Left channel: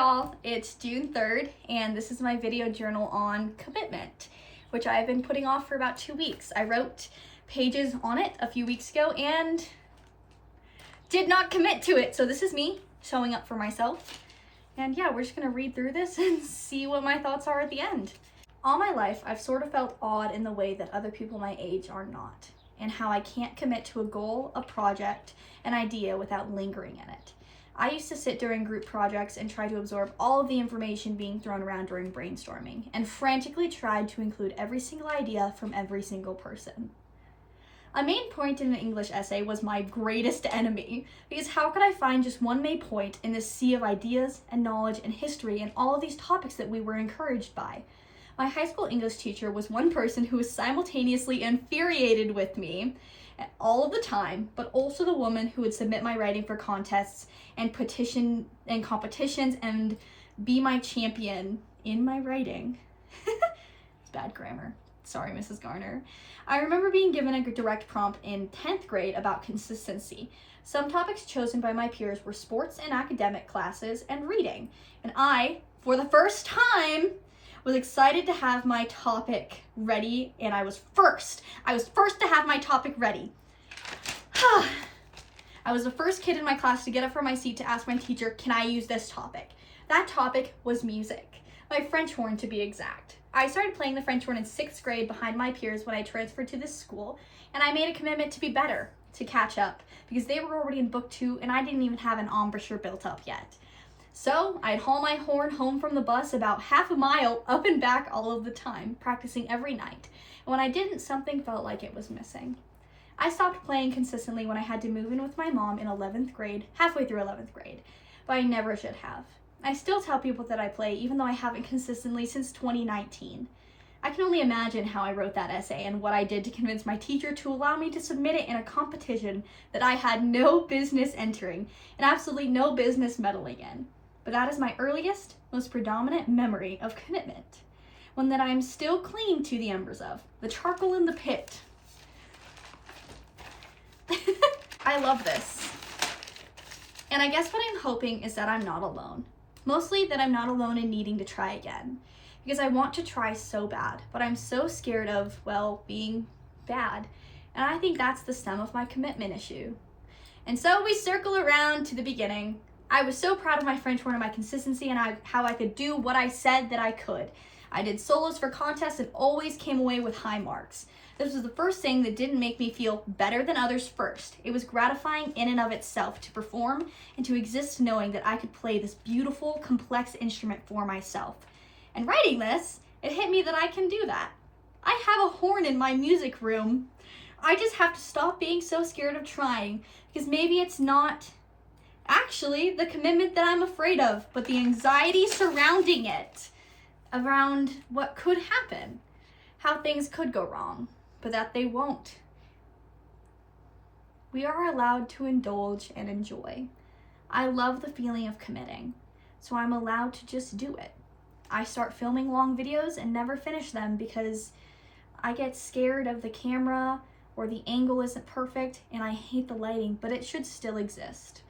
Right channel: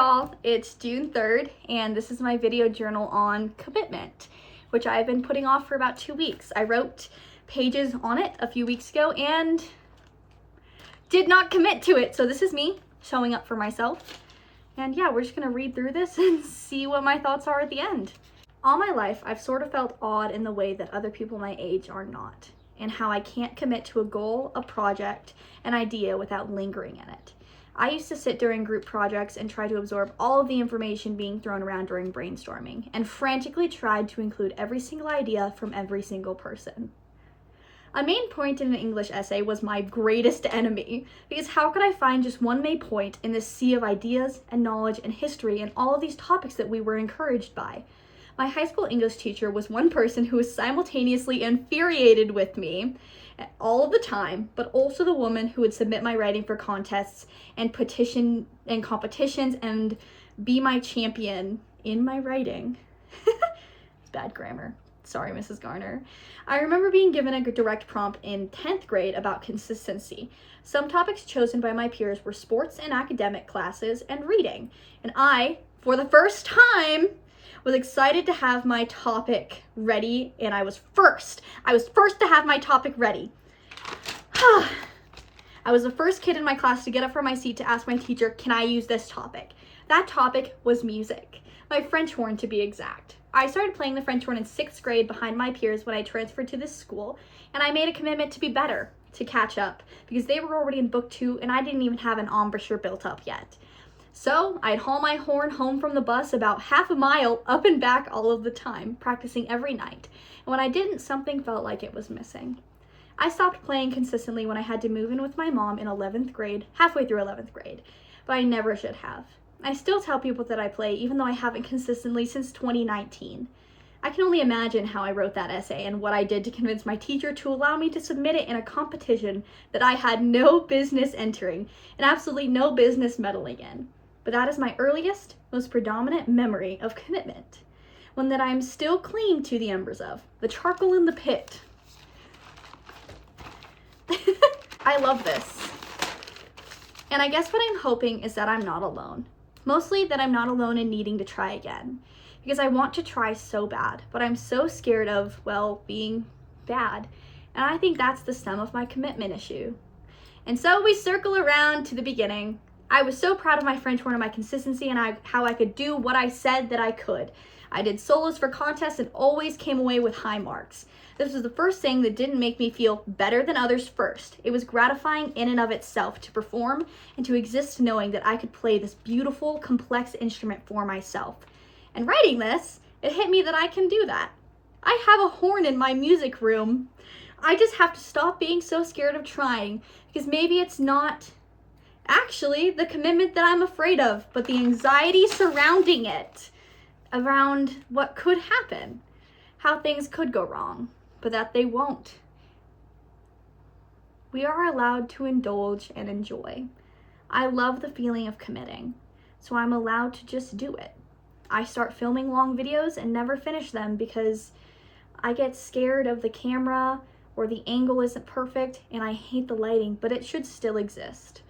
y'all, it's June 3rd and this is my video journal on commitment, which I've been putting off for about 2 weeks. I wrote pages on it a few weeks ago and did not commit to it. So this is me showing up for myself. And yeah, we're just gonna read through this and see what my thoughts are at the end. All my life, I've sort of felt awed in the way that other people my age are not, and how I can't commit to a goal, a project, an idea without lingering in it. I used to sit during group projects and try to absorb all of the information being thrown around during brainstorming, and frantically tried to include every single idea from every single person. A main point in an English essay was my greatest enemy, because how could I find just one main point in this sea of ideas and knowledge and history and all of these topics that we were encouraged by? My high school English teacher was one person who was simultaneously infuriated with me all of the time, but also the woman who would submit my writing for contests and petition and competitions and be my champion in my writing. It's bad grammar. Sorry, Mrs. Garner. I remember being given a direct prompt in 10th grade about consistency. Some topics chosen by my peers were sports and academic classes and reading. And I, for the first time, was excited to have my topic ready, and I was first. I was first to have my topic ready. I was the first kid in my class to get up from my seat to ask my teacher, can I use this topic? That topic was music, my French horn to be exact. I started playing the French horn in 6th grade behind my peers when I transferred to this school, and I made a commitment to be better, to catch up, because they were already in book 2 and I didn't even have an embouchure built up yet. So I'd haul my horn home from the bus about half a mile up and back all of the time, practicing every night. And when I didn't, something felt like it was missing. I stopped playing consistently when I had to move in with my mom in 11th grade, halfway through 11th grade, but I never should have. I still tell people that I play, even though I haven't consistently since 2019. I can only imagine how I wrote that essay and what I did to convince my teacher to allow me to submit it in a competition that I had no business entering and absolutely no business meddling in. But that is my earliest, most predominant memory of commitment, one that I am still clinging to the embers of, the charcoal in the pit. I love this. And I guess what I'm hoping is that I'm not alone. Mostly that I'm not alone in needing to try again, because I want to try so bad, but I'm so scared of, well, being bad. And I think that's the stem of my commitment issue. And so we circle around to the beginning. I was so proud of my French horn and my consistency and how I could do what I said that I could. I did solos for contests and always came away with high marks. This was the first thing that didn't make me feel better than others first. It was gratifying in and of itself to perform and to exist knowing that I could play this beautiful, complex instrument for myself. And writing this, it hit me that I can do that. I have a horn in my music room. I just have to stop being so scared of trying, because maybe it's not actually the commitment that I'm afraid of, but the anxiety surrounding it, around what could happen, how things could go wrong, but that they won't. We are allowed to indulge and enjoy. I love the feeling of committing, so I'm allowed to just do it. I start filming long videos and never finish them because I get scared of the camera or the angle isn't perfect and I hate the lighting, but it should still exist.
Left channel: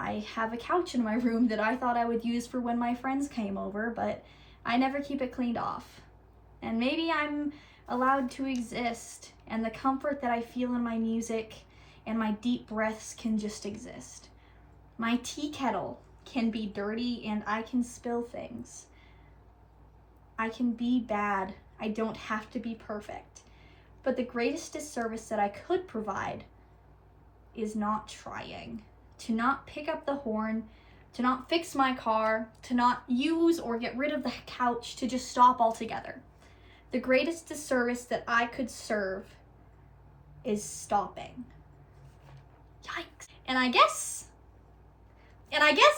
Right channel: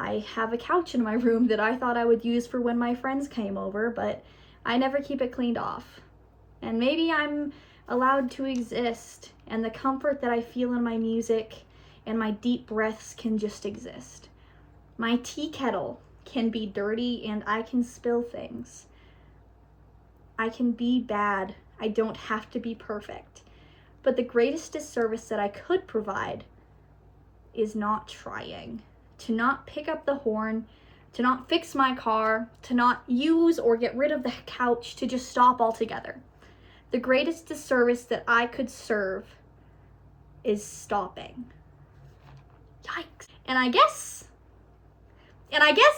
I have a couch in my room that I thought I would use for when my friends came over, but I never keep it cleaned off. And maybe I'm allowed to exist, and the comfort that I feel in my music and my deep breaths can just exist. My tea kettle can be dirty and I can spill things. I can be bad. I don't have to be perfect. But the greatest disservice that I could provide is not trying. To not pick up the horn, to not fix my car, to not use or get rid of the couch, to just stop altogether. The greatest disservice that I could serve is stopping. Yikes. And I guess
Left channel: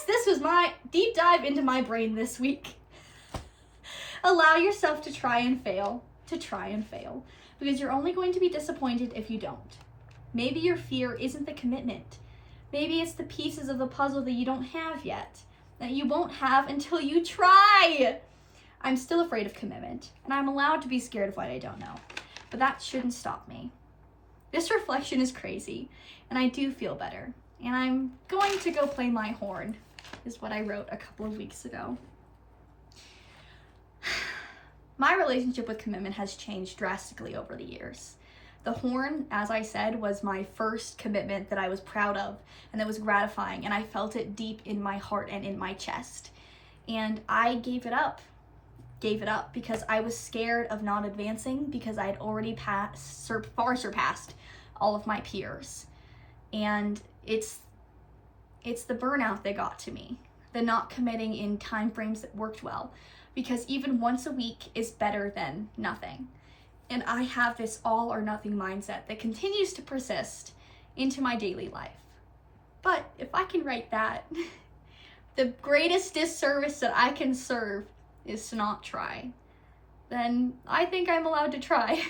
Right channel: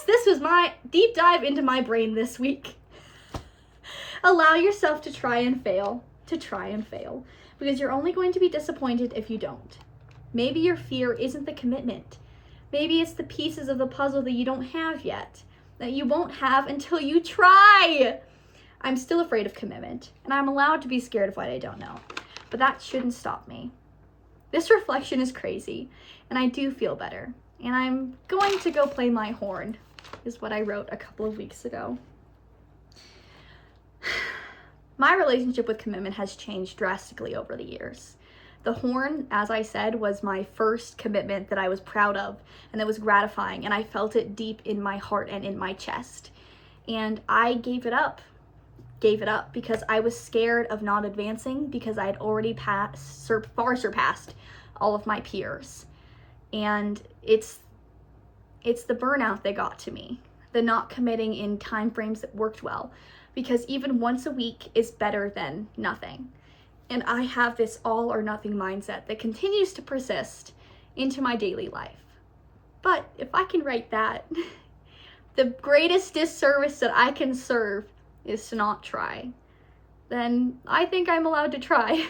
this was my deep dive into my brain this week. Allow yourself to try and fail, because you're only going to be disappointed if you don't. Maybe your fear isn't the commitment. Maybe it's the pieces of the puzzle that you don't have yet, that you won't have until you try. I'm still afraid of commitment, and I'm allowed to be scared of what I don't know, but that shouldn't stop me. This reflection is crazy, and I do feel better, and I'm going to go play my horn. is what I wrote a couple of weeks ago. My relationship with commitment has changed drastically over the years. The horn, as I said, was my first commitment that I was proud of and that was gratifying, and I felt it deep in my heart and in my chest. And I gave it up because I was scared of not advancing, because I had already far surpassed all of my peers. And it's the burnout that got to me, the not committing in time frames that worked well, because even once a week is better than nothing. And I have this all or nothing mindset that continues to persist into my daily life. But if I can write that, the greatest disservice that I can serve is to not try, then I think I'm allowed to try.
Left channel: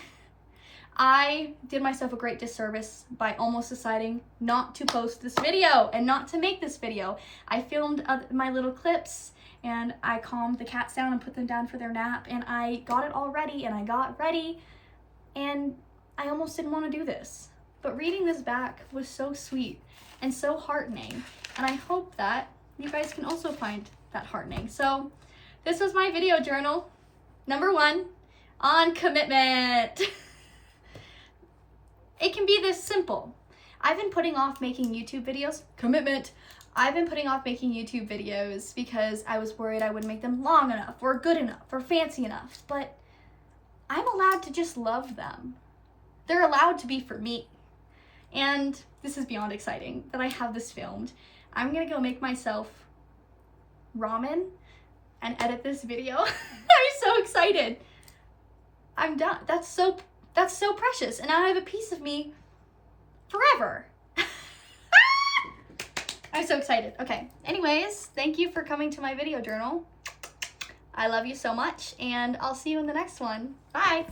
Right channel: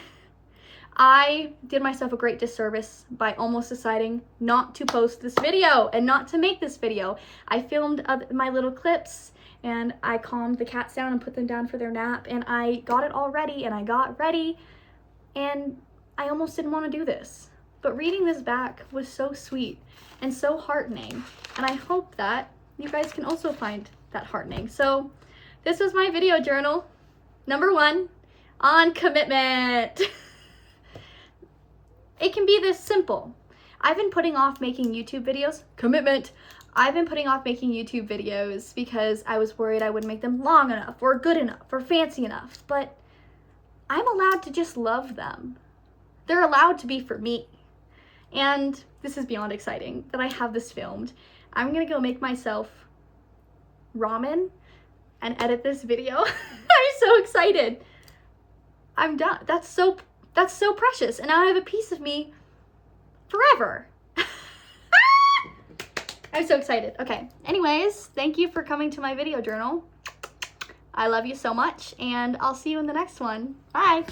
I did myself a great disservice by almost deciding not to post this video and not to make this video. I filmed my little clips and I calmed the cats down and put them down for their nap, and I got it all ready and I got ready, and I almost didn't want to do this. But reading this back was so sweet and so heartening, and I hope that you guys can also find that heartening. So this is my video journal, number 1, on commitment. It can be this simple. I've been putting off making YouTube videos. Commitment. I've been putting off making YouTube videos because I was worried I wouldn't make them long enough or good enough or fancy enough, but I'm allowed to just love them. They're allowed to be for me. And this is beyond exciting that I have this filmed. I'm gonna go make myself ramen and edit this video. I'm so excited. I'm done. That's so precious, and now I have a piece of me forever. I'm so excited. Okay, anyways, thank you for coming to my video journal. I love you so much, and I'll see you in the next one. Bye.